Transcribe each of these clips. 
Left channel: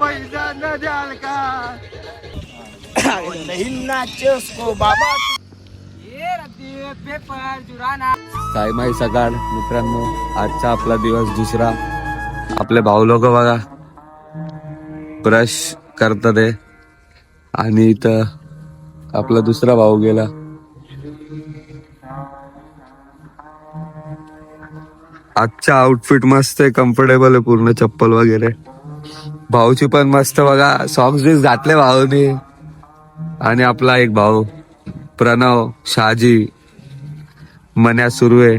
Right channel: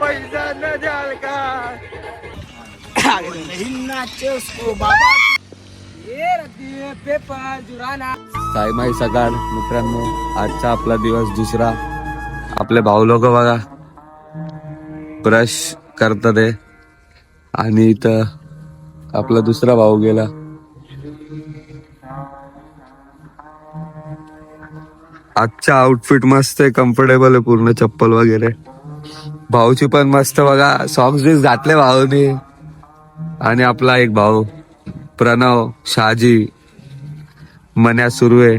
पैसा न द्याल का साईमाई सकाळ मित्रांनो, आजचा आपला दिवस दुसरा. आपले भाऊ लोक बघा ब्रश करतात आहे आणि इथं आपला दुसरा भाऊ गेला. आजचा आउटफिट मस्त आहे, कम्फर्टेबल आहे पूर्ण, चप्पल वगैरे. भाऊची पण मस्त बघा, सॉक्स बीस घातले भाऊनी. आणि आपला एक भाऊ प्रणव, शहाजी, मन्या सुर्वे.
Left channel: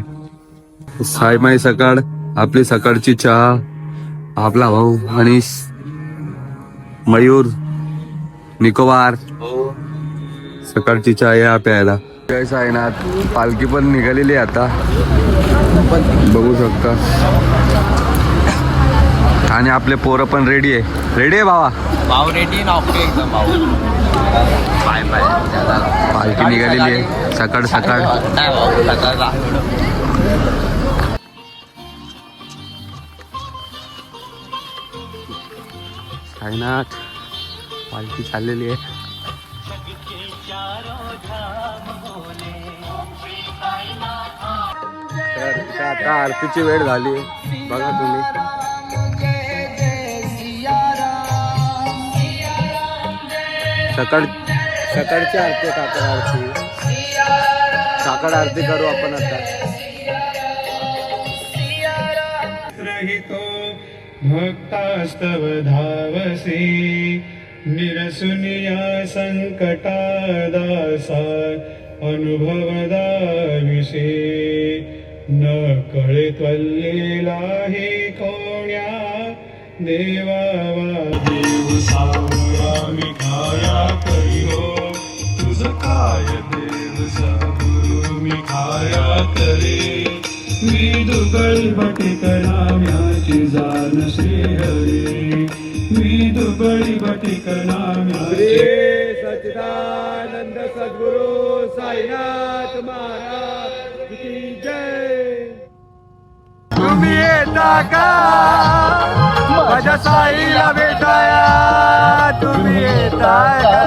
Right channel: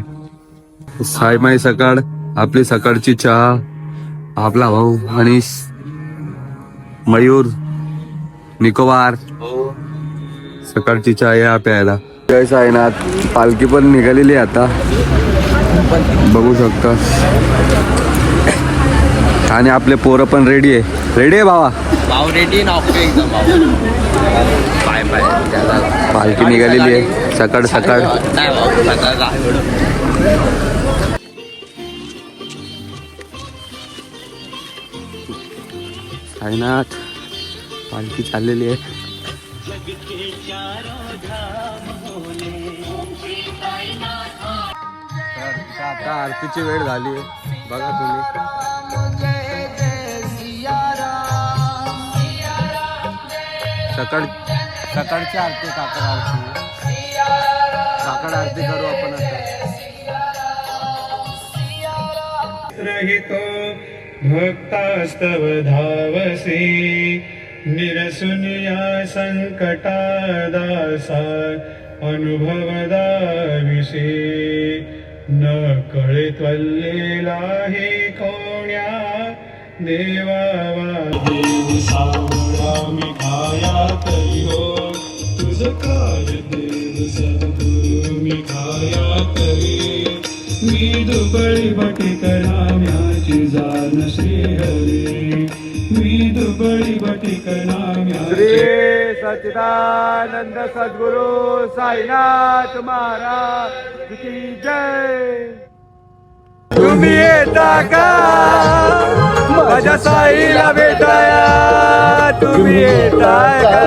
साईमाई सकाळ, आपली सकाळची चहा. आपला भाऊ मनीष, मयूर, निकोबार. सकाळची चहा या प्यायला. जय साईनाथ. पालखी पण निघालेली आता, बघू शकता. आणि आपले पोरं पण रेडी आहे. रेडी आहे भावा? भाऊ रेडी ना एकदम. Bye bye. त्याला पालखी निघालेली आहे सकाळ सकाळ. साईनाथ पालखी चाललेली आहे. तर आता आरतीची वेळ झाली, बघा तुम्ही. सकाळची आरती, काकड आरती. काकड आरती करू आपण आता. भक्तास्तव धावसी निरसुन या संकटा दासा अनुभवदा विषे न कळे त्वल्लेला हे कोण्या देवावा. देव सावरामी खाया तरी हो तुझ काय देव सद्गुरु मी खाया तरी. मी दुबळी बटिक नाम्याची जाण श्री हरी. मी दुबळी बटिक नाम्याची. सच्चिदानंद सद्गुरु साईनाथ महाराज की जय. तुम्ही येता का माझ्या साईला भेटाया? तुम्ही येता का?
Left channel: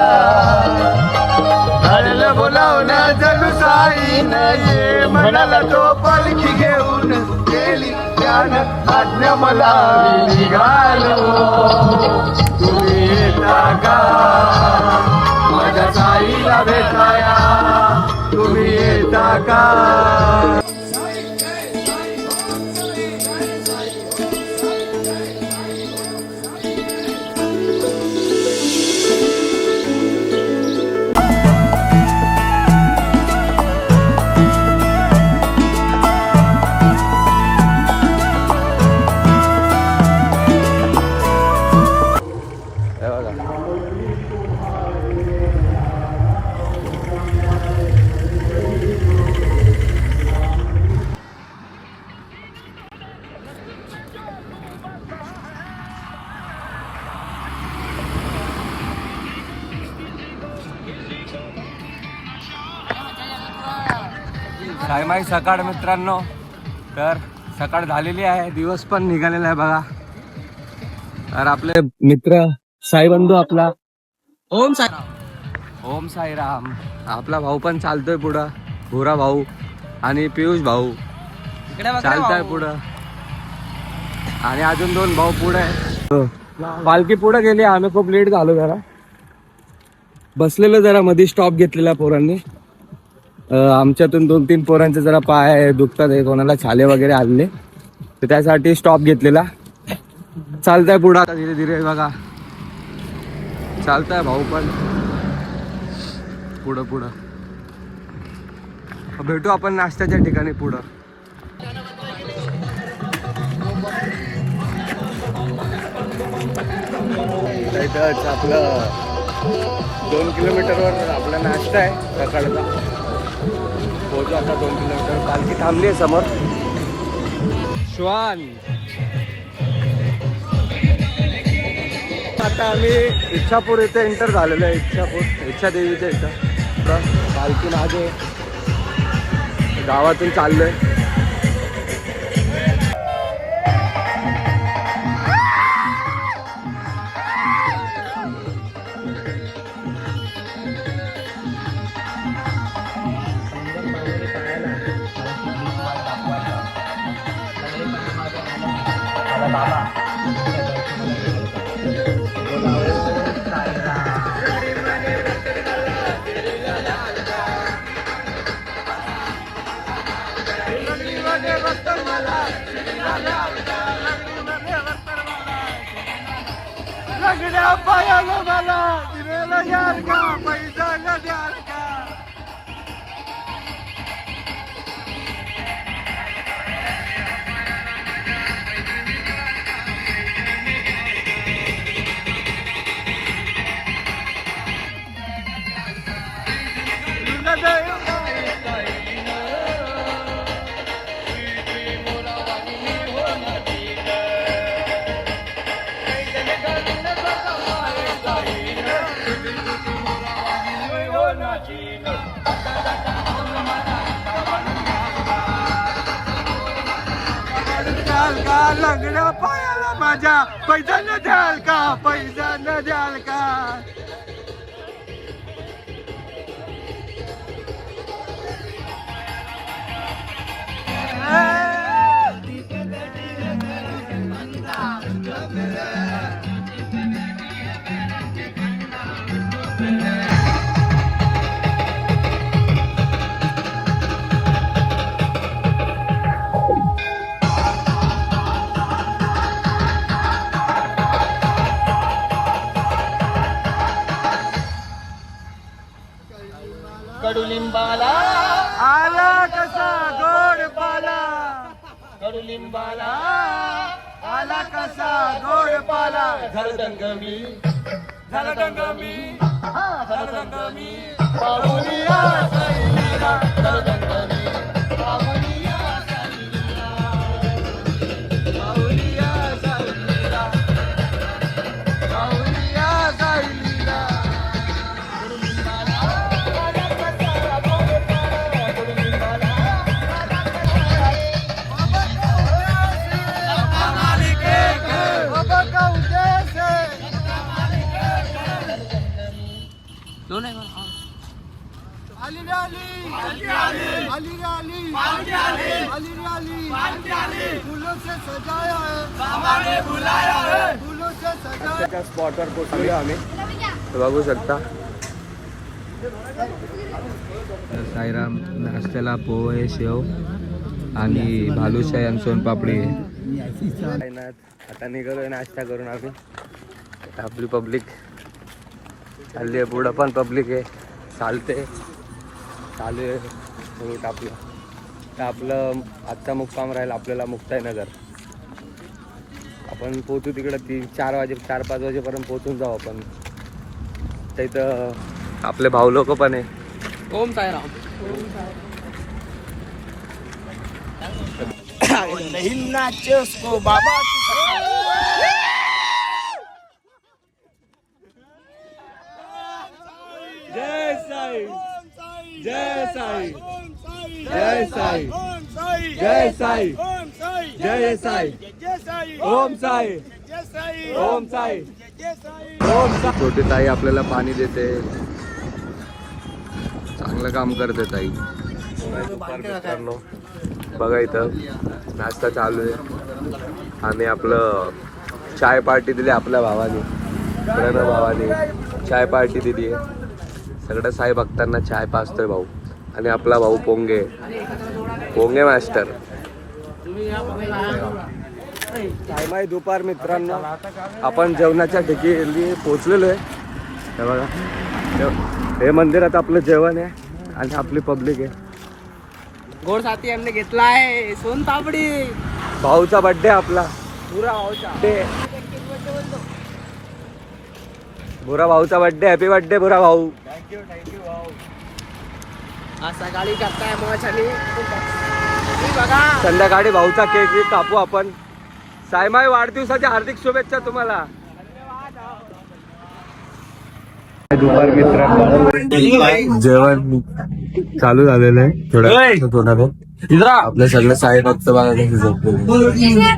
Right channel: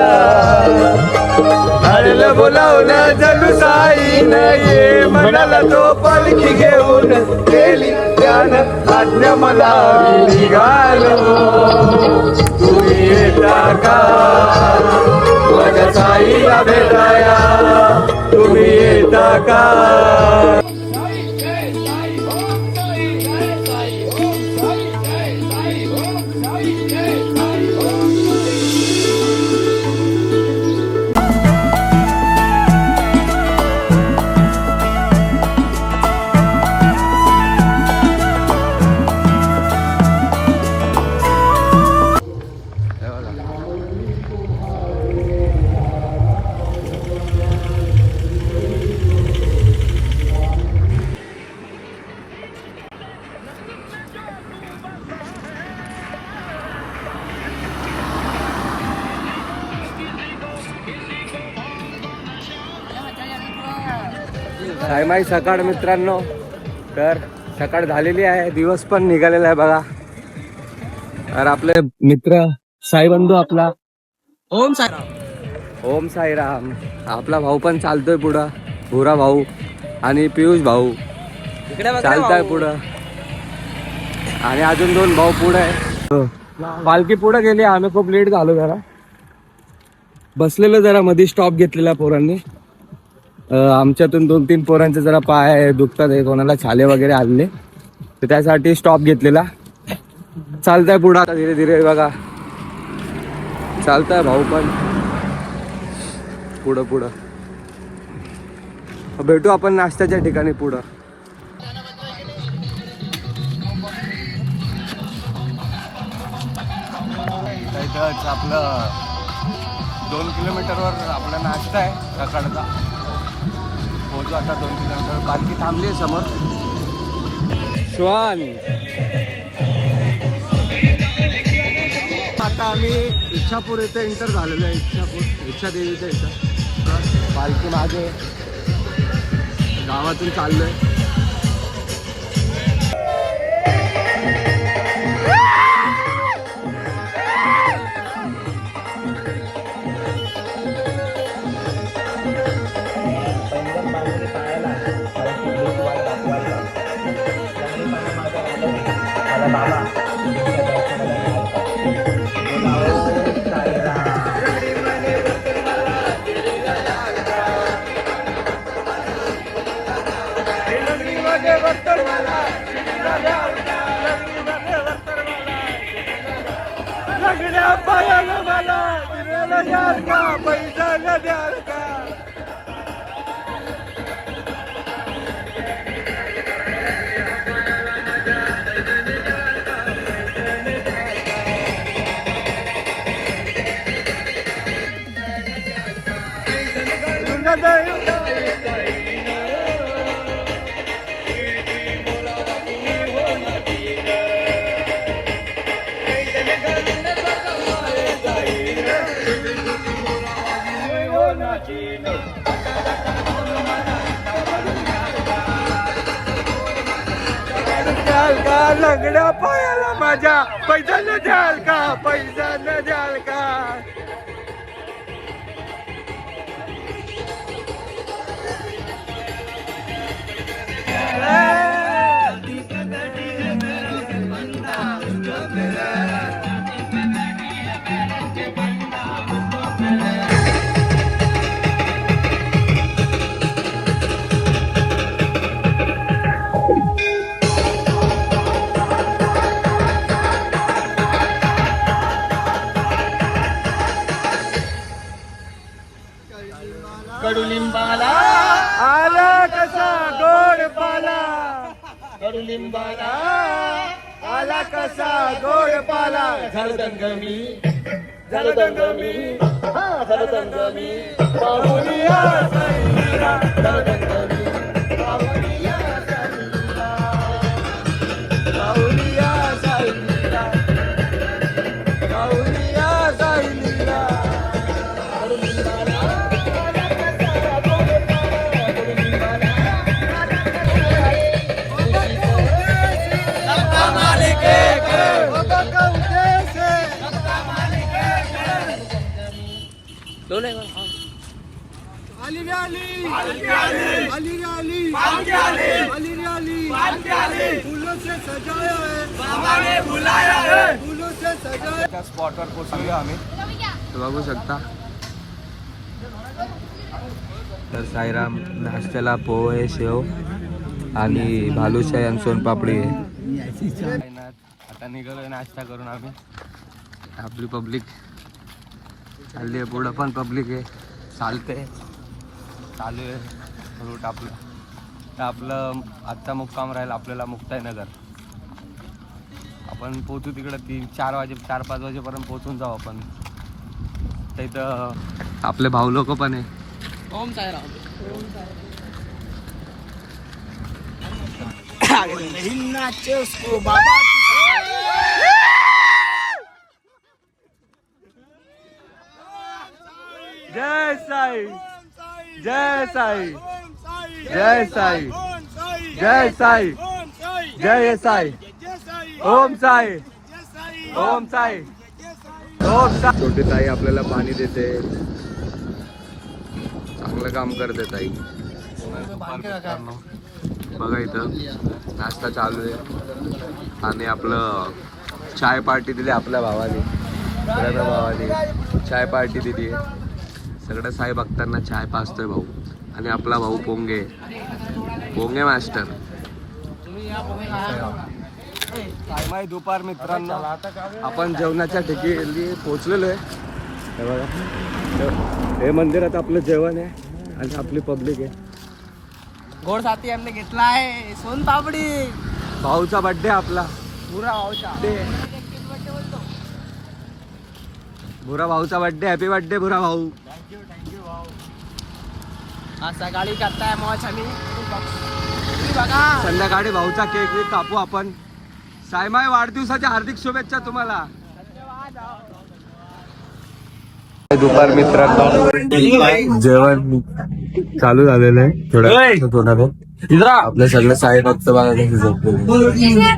झालेलं बोलावलं जणू साईन ये म्हणाला तो पालखी घेऊन. गेली त्यान आज्ञा मला निघालो. तुम्ही येता का माझ्या साईला भेटाया? तुम्ही येता का? साईमाई सकाळ मित्रांनो, तर सकाळ झालेली आहे, दिवस पण निघालेला आहे बघा. तर आपले मित्र साईबंधू आपला ओम साई. ओम साईराम. आपला भाऊ पण चालतोय पुढं, भुरा भाऊ आणि पियुष भाऊ चालताय पुढं. आणि अजून 2 भाऊ पुढे आहे. पालखी पुढे गेली, आम्ही खूप लेट झालो जरा. बसलेलो जरा मध्ये, स्टॉप घेतलेला पोरांनी. आमच्यातून 2-3 पोरांचे जरा पाय दुखतात आहे, कोणाला छाले वगैरे आले, तर त्यासाठी स्टॉप घेतलेला. चालताय पुढं धीरे धीरे बघा. चालताय भाऊ पण पुढं पुढं. भेटू आपण नाश्त्याच्या ठिकाणी पुढं. इथंच आपलं 2 किलोमीटरवर आपला नाश्ता आहे सकाळचा. पोहोचू आता 2 किलोमीटर. पालखी थांबली आहे समोर. श्वान. आता आम्ही इच्छापूर इथे एंटर झालेलो आहे. इच्छा देवीच्या इथं पालखी मागे गावातून चाललोय. लंगड्या पायाला मला दिलेला द्याल का पैसा न द्याल का द्याल का लंगड्या पायाला माझ्या पैसा न द्याल का पैसा न द्याल का कडुलिंबाला आला कसा गोड पाला कडुलिंबाला आला कसा गोड पाला झालं दंगमी झालं दंगमी झालं दंगमी पाहुनिया साईला, पाहुनिया साईला, पाहुनिया साईला. स्पॉटवर पोहोचलो आम्ही. बघू शकता तर साईराम नाश्त्याला पोहे शेव आणि भालुशाही आणि सोनपापडी आहे. आता निघालोय नाश्ता करून आम्ही. आपली पब्लिक चालली आहे, पुढं पण पब्लिक आहे, चालते चालू आहे रूट आपलं. तर आपलं आजचा मुक्काम राहील आपल्याला मुक्ताईनगर. आपण पोचू तिकडं 4-5 वाजेपर्यंत पोचून जाऊ आपण. तर इथं आपले भाऊ लोक पण आहे. ओम साईराम. बाबा जय साई, जय साई, जय साई, जय साई, जय साई, ओम साई, ओम साई, ओम साई. छोटी ताई आपल्याला पाणी देते, चांगलं काम करते ताई. मित्रांनो बघा इथं नाश्ता चालू आहे आणि आपलं चाय पार्टी दिली आपल्या भावाने, प्रणव भावाने चाय पार्टी दिली आहे. सगळ्या साई भक्तांना चाय पाजतोय भाऊ. आणि आपला भाऊ पोंगे, पोंगे मास्टर. टाइम दुपार मित्रांनो, आपण जेवणाच्या ठिकाणी पोचलेलो आहे. हे बघा, हे मंदिरात आपलं जेवण आहे आणि आपली पब्लिक आहे. गोड साथी आमने घेतलाय सोनपापडी. भाऊचा बर्थडे आपला, पुरा भाऊचा बुरा भाऊचा बर्थडे. हॅपी बर्थडे बुरा भाऊ. थँक्यू भाऊ. आज सकाळी करताय मॉच आणि बघा संध्याकाळी भाऊचा केक कापू आपण. सायमाई वाढदिवसाच्या हार्दिक शुभेच्छा तुम्हाला. दुपार मित्रांनो जेवण चालू झालेलं आहे. थोडं आपल्या सगळं साई भक्त बघा कशी झोपलेले.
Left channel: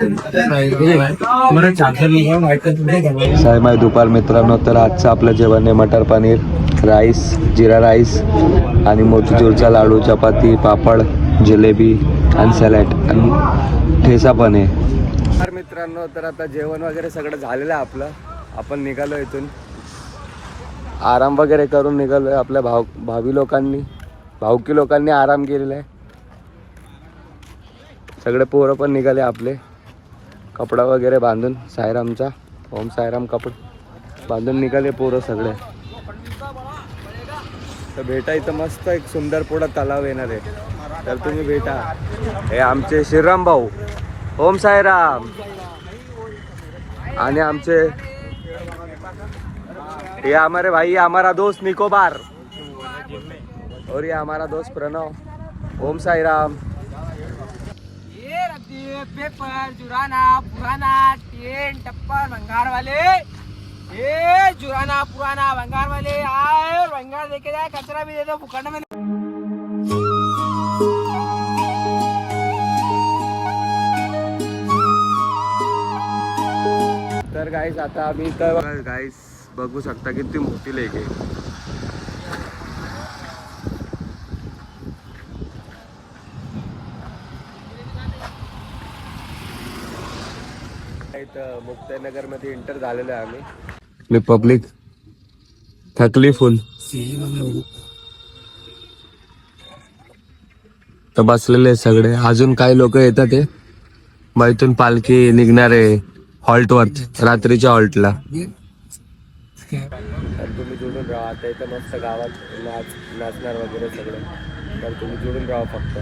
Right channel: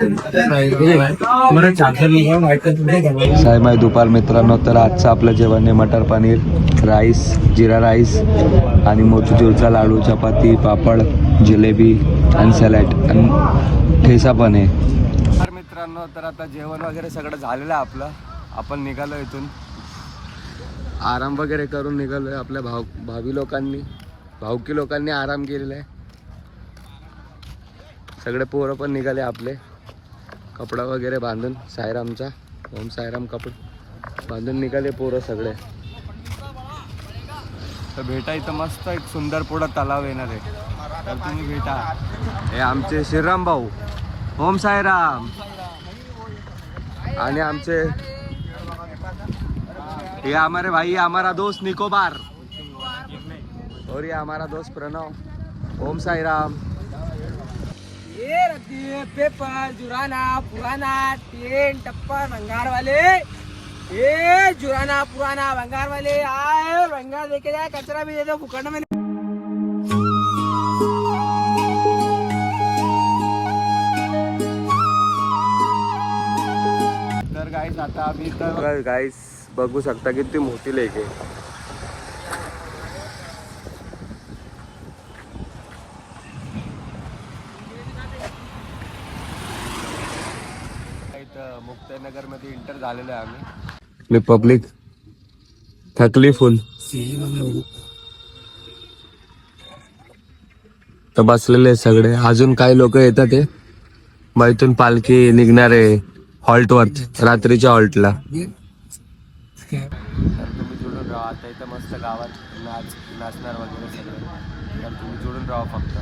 सायमाई दुपार मित्रांनो, तर आजचं आपलं जेवण आहे मटर पनीर, राईस, जिरा राईस आणि मोतीचूरचा लाडू, चपाती, पापड, जिलेबी आणि सॅलड आणि ठेचा पण आहे. मित्रांनो तर आता जेवण वगैरे सगळं झालेलं आहे आपलं. आपण निघालो इथून, आराम वगैरे करून निघालोय. आपल्या भावी लोकांनी, भावकी लोकांनी आराम केलेला आहे. सगळे पोरं पण निघाले आपले. कपडा वगैरे बांधून सायरामचा ओम सायराम कपडा बांधून निघाले पोरं सगळे. तर भेटा इथं मस्त एक सुंदर पुढं तलाव येणार आहे, तर तुम्ही भेटा. हे आमचे श्रीराम भाऊ ओम सायराम आणि आमचे ये हमारे भाई हमारा दोस्त निकोबार और ये हमारा दोस्त प्रणव. ओम साईराम. ये रद्दी पेपर जुराना पुराना टेन टप्पर भंगार वाले, ये जुराना पुराना भंगार वाले आए, भंगार देके जाए, कचरा भी देगा फुकट में. तर गाईस आता आम्ही तर गाईस बघू शकता किती मोठी लेक आहे. इथं मुक्ताईनगर मध्ये एंटर झालेलो आहे आम्ही. पब्लिक थकली फुल तर बसलेले सगळे. अजून काही लोक येतात ते मग इथून पालखी निघणार आहे हॉल्टवर, रात्रीच्या हॉल्टला. तर तुम्ही जोडून राहा. आता इथं मस्त गावात नाचणार वगैरे सगळं, तर तुम्ही जोडून राहा फक्त.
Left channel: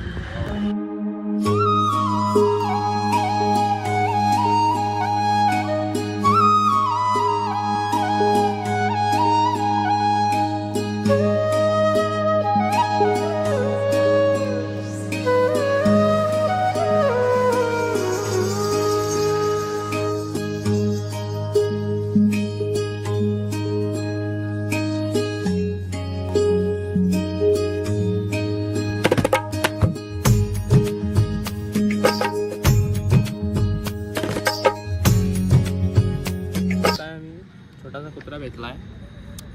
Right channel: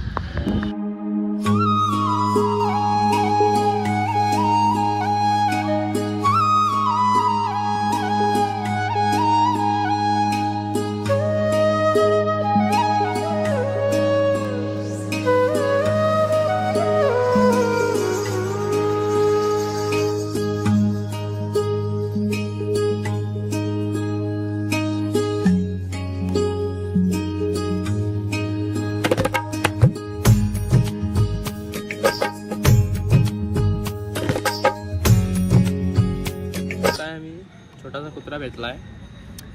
छोटासा कुत्रा भेटलाय.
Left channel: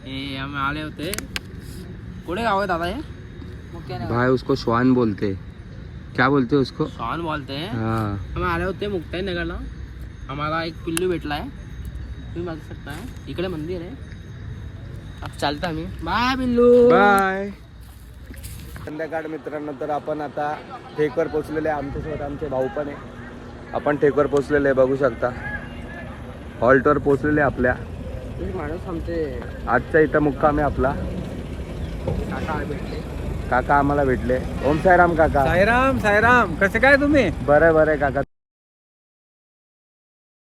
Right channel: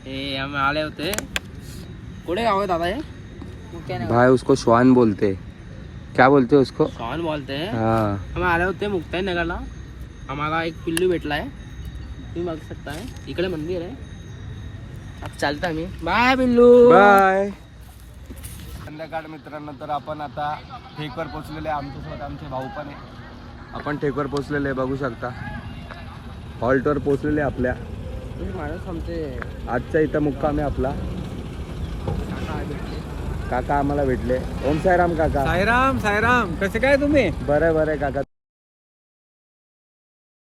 हे आम्ही आले होते. कुठे गाव आहे दादा हे? भाई उसको श्वान बोलते. क्या बोलते उसको? कौन बोलते हैं? हाँ. आम्ही आले होते मुक्ताई नगरला. आम्हाला एक पिल्लू भेटलाय, तुम्ही बघू शकता. इकडे मंदिर आहे. अब चालता आम्ही. बाय पिल्लू. बाय. संध्याकाळ मित्रांनो, तर आपण आता ठेकवर पोचलेले. आमच्यासोबत आमचे भाऊ पण आहे. आपण ठेकवर पोचलेले आहे, बघू शकता. हॉल्टवर पोचलेले आपल्या. माणूस आमचे आजचा इथं मुक्काम आहे आपला. काका भेटले. काका आम्हाला भेटले. ओम साईराम काका. साईराम साईराम, कसे काय तुम्ही? बरं बरं काका.